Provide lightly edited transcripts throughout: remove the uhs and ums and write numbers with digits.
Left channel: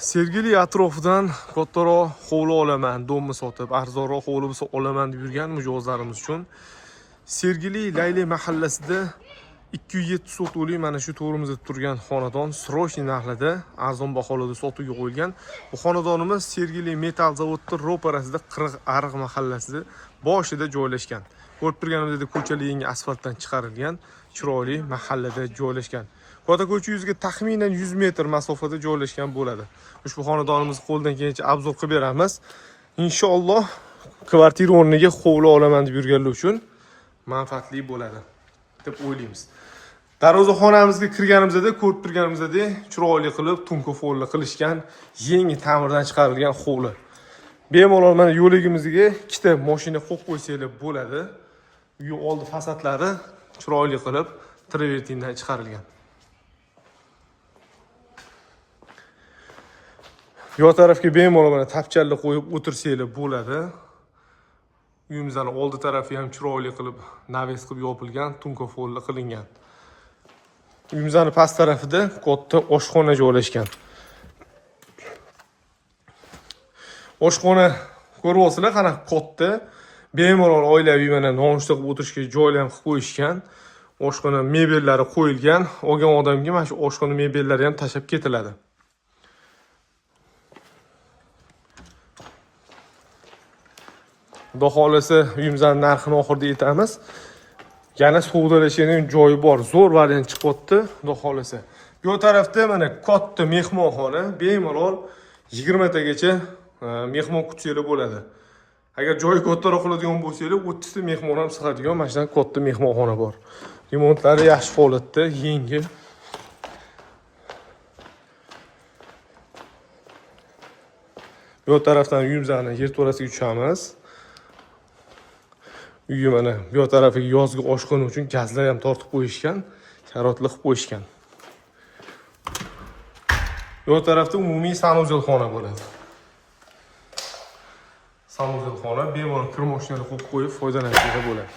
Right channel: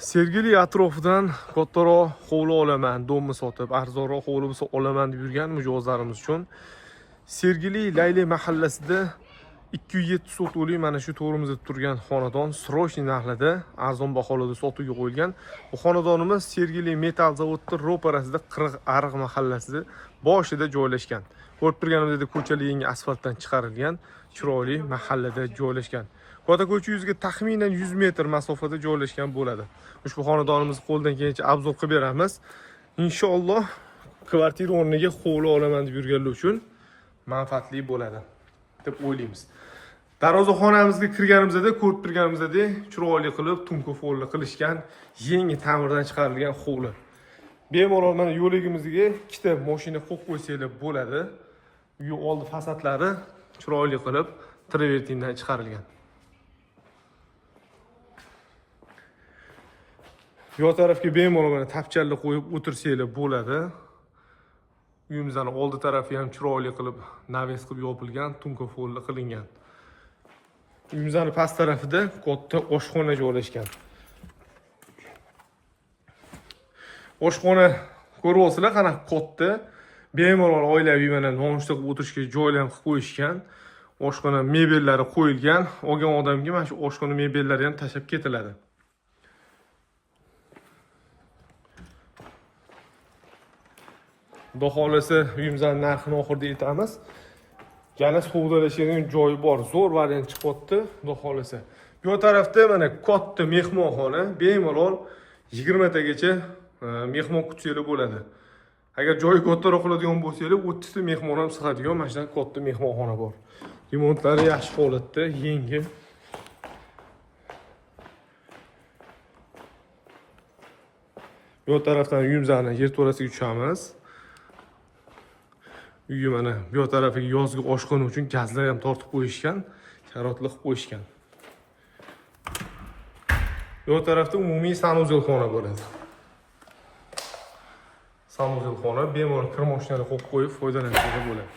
Sergeli atrofidan kattaroq hovli olaman, domni sotib, arzonroq hovli bo'lsa olaman deb yurgan mijozlarimiz uchun Sergeli Layli mahallasida 207 sotuvli mana shu to'g'rimizda turgan xonadon srochniy narxida arzon baholarda sotuvga qo'yilgan. Bu xonadonimiz Sergeli metal zavodi ro'parasida 40 Ariq mahallasida boshida joylashgan. Ko'rib turganimizdek ko'chalar yangi asfaltdan chiqarilgan, chiroyli mahallada joylashgan. Kota ko'cha yuziga taxminan 100 metr masofada joylashgan bo'ladi. Ushbu xonadonimizni qo'ldan kelgancha obzor qilib beramiz. Inshaalloh kvartira o'rniga hovli olaman deb yurganlar uchun manfaatli bo'ladi deb o'ylaymiz. Darvozaxonamizga kirganimizda ko'rib turganimizdek chiroyli qilib tunka folli qilishgan, yangi ta'mirdan chiqarilgan hovli. Bemalol mana yo'ligimizga ikkita mashina qo'yib qo'ysanglar bo'ladi. Uy oldi fasadlari chiroyli qilib travertindan chiqarilgan. Yo tarafga bemalol mana tapchalni qo'yib o'tirsanglar bo'ladi. Uyimizning oldi tarafi ham chiroyli qilib naves qilib yopilgan, tunka folli qilingan. Uyimizning past tarafida katta oshxona joylashgan. Oshxona ko'ryapsizlar, qana katta, bemalol oilaviy mana nonushta qilib o'tirishga joylar ham qilib qo'yishgan. Oshxona mebellari qo'yilgan. Olgan odamga mana shu oshxona mebellari ham tashab ketiladi. Xudo xolasa uyimizning narxini oxirida aytamiz. Yana savdolashadigan joyi bor, zo'r variant chiqyapti, xudo xolasa. Bu tarafda mana katta mehmonxona, bemalol 20 tagacha mehmon kutsanglar bo'ladi. Agar joyi kattaroq qiladigan bo'lsanglar, 30 ta mehmon ham sig'adigan mana shunday katta mehmonxona bor. Remontlari yaxshi holatda, yangi. Bu tarafdan uyimizning yerto'lasiga tushamiz. Uyi mana bu tarafiga yozgi oshxona uchun gazlar ham tortib qo'yishgan, sharoitli qilib qo'yishgan. Bu tarafda umumiy sanuzelxona bo'ladi. Sanuzelxona bemalol kir mashinani qo'yib qo'yib foydalanishga bo'ladi.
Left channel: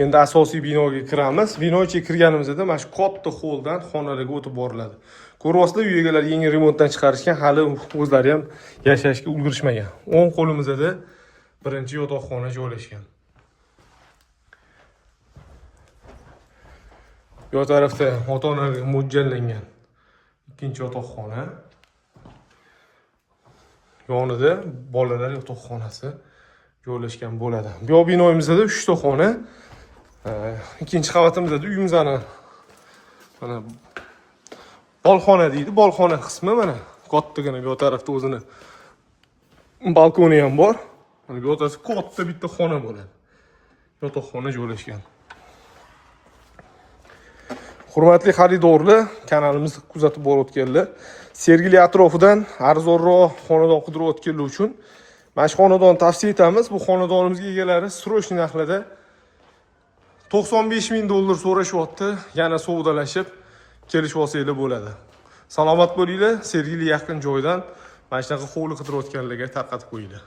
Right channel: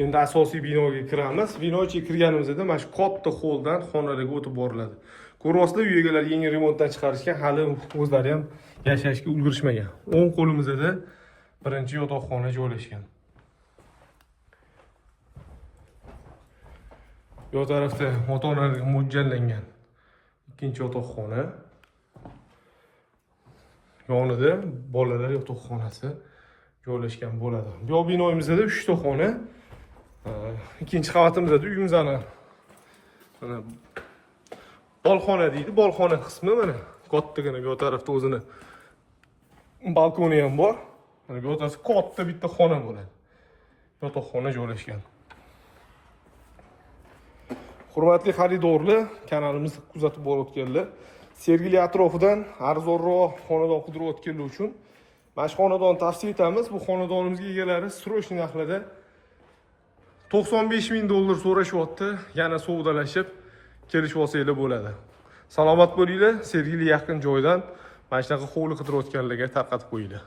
Endi asosiy binoga kiramiz. Bino ichiga kirganimizda mana shu katta xolldan xonalarga o'tib boriladi. Ko'ryapsizlar, uy egalari yangi remontdan chiqarishgan, hali o'zlari ham yashashga ulgurishmagan. O'ng qo'limizda birinchi yotoqxona joylashgan. Bu tarafda ota-onalarga mo'ljallangan ikkinchi yotoqxona. Yonida bolalar yotoqxonasi joylashgan bo'ladi. Bu binoyimizda 3 ta xona. Ikkinchi qavatimizda uyimizning mana balxona deydi, balxona qismi mana kattagina bu tarafda o'zini balkoni ham bor. Mana bu tarafda katta bitta xona bo'ladi. Yotoqxona joylashgan. Hurmatli xaridorlar, kanalimizni kuzatib borayotganlar, Sergeli atrofidan arzonroq xonadon qidirayotganlar uchun mana shu xonadonni tavsiya etamiz. Bu xonadonimizga egalari srochniy narxlarda $95,000 so'rashyapti. Yana savdolashib kelishib olsanglar bo'ladi. Salomat bo'linglar. Sergeli yaqin joydan mana shunaqa hovli qidirayotganlarga tarqatib qo'yinglar.